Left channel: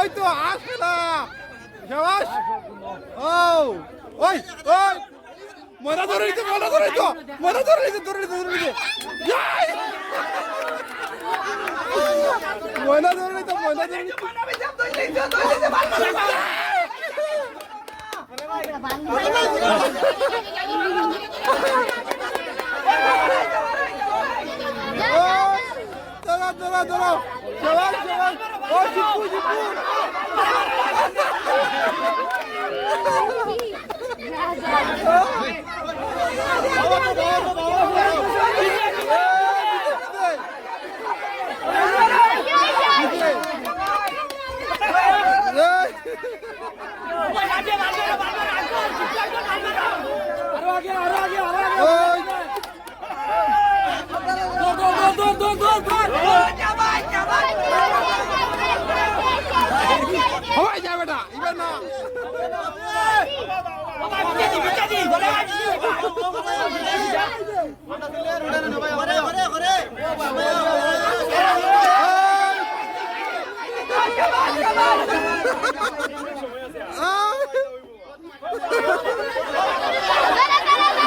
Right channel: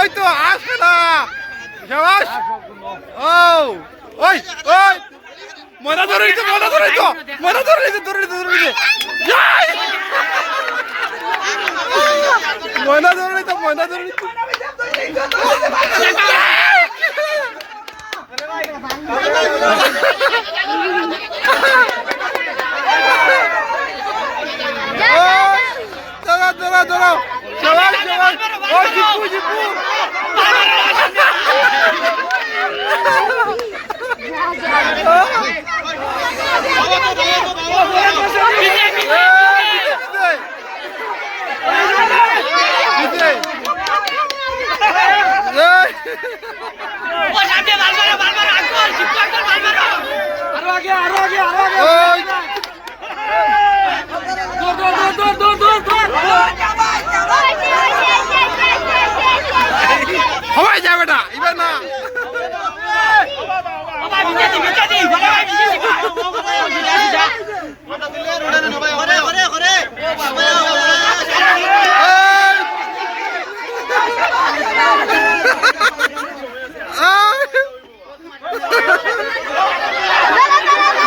ওই তো আসে না শাবাশ ও ওই ওই ময়না ধরে নিতে ময়না ধরে নিতে ময়না ধরে নিতে ধরে নিতে ধরে নিতে ময়না ধরে নিতে ময়না ধরে নিতে দাঁড়াও দাঁড়াও দাঁড়াও শাবাশ শাবাশ ও জিপু জিপু সবাই যাবে না এবার না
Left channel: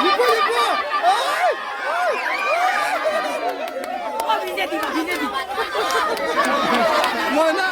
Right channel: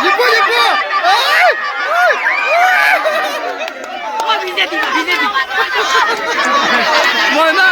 জিপু জিপু ময়না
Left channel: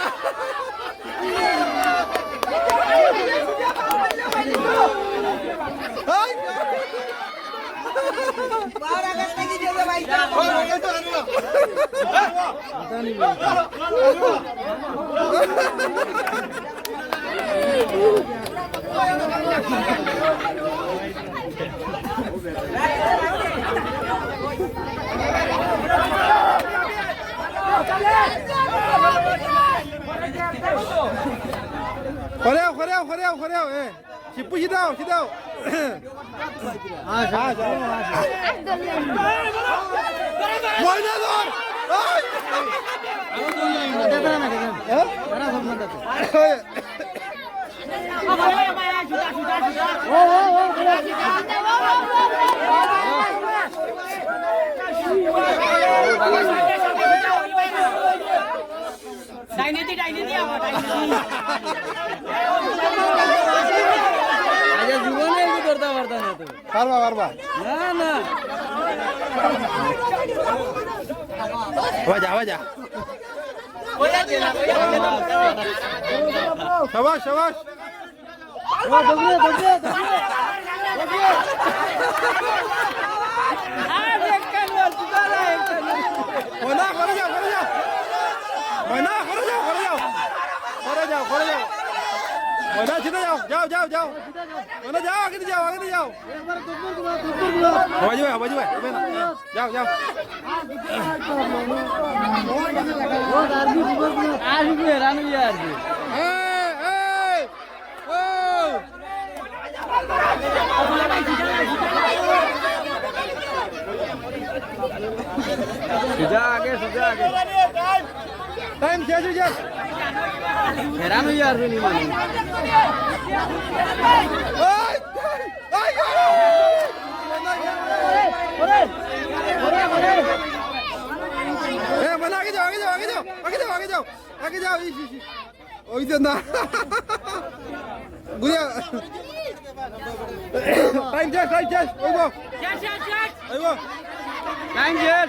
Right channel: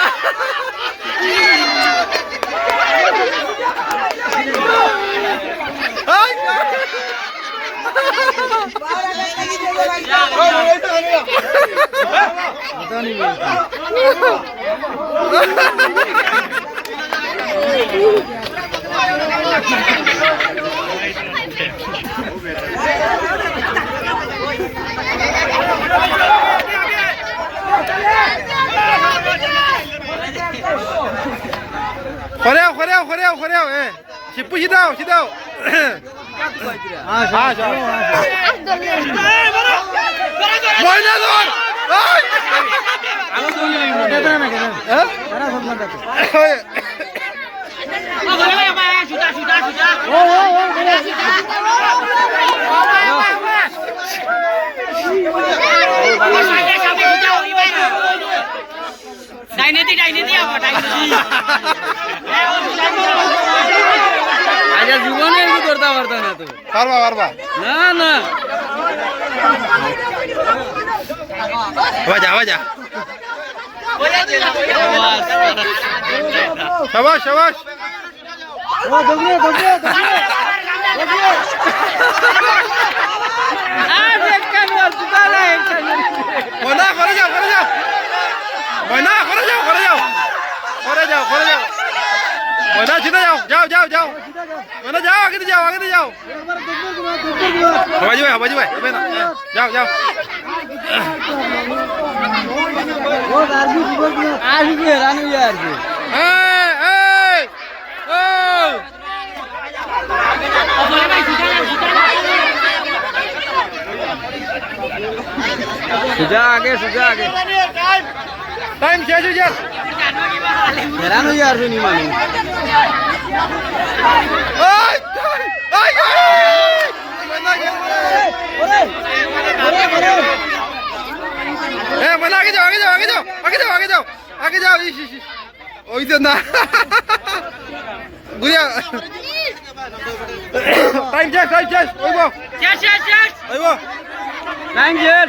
Korea, Sipu sidau. Moyna dor. Dynasty apa? Dynasty. আজ জীবনে কিছু করতে পারতো না তো পারবা না না আওয়াজ শাবাশ শাবাশ ময়না করে যাও ময়না করে যাও ময়না সিধা যাও ময়না যাও আগে যাও হবাজি ভাই যাও সুজা আগে টাইম শেষ হয়ে যাচ্ছে রানু यार নি মানে মানে আগে যাও ওই তো না বুঝা টাইম শেষ ওইব Yes. টাইম শেষ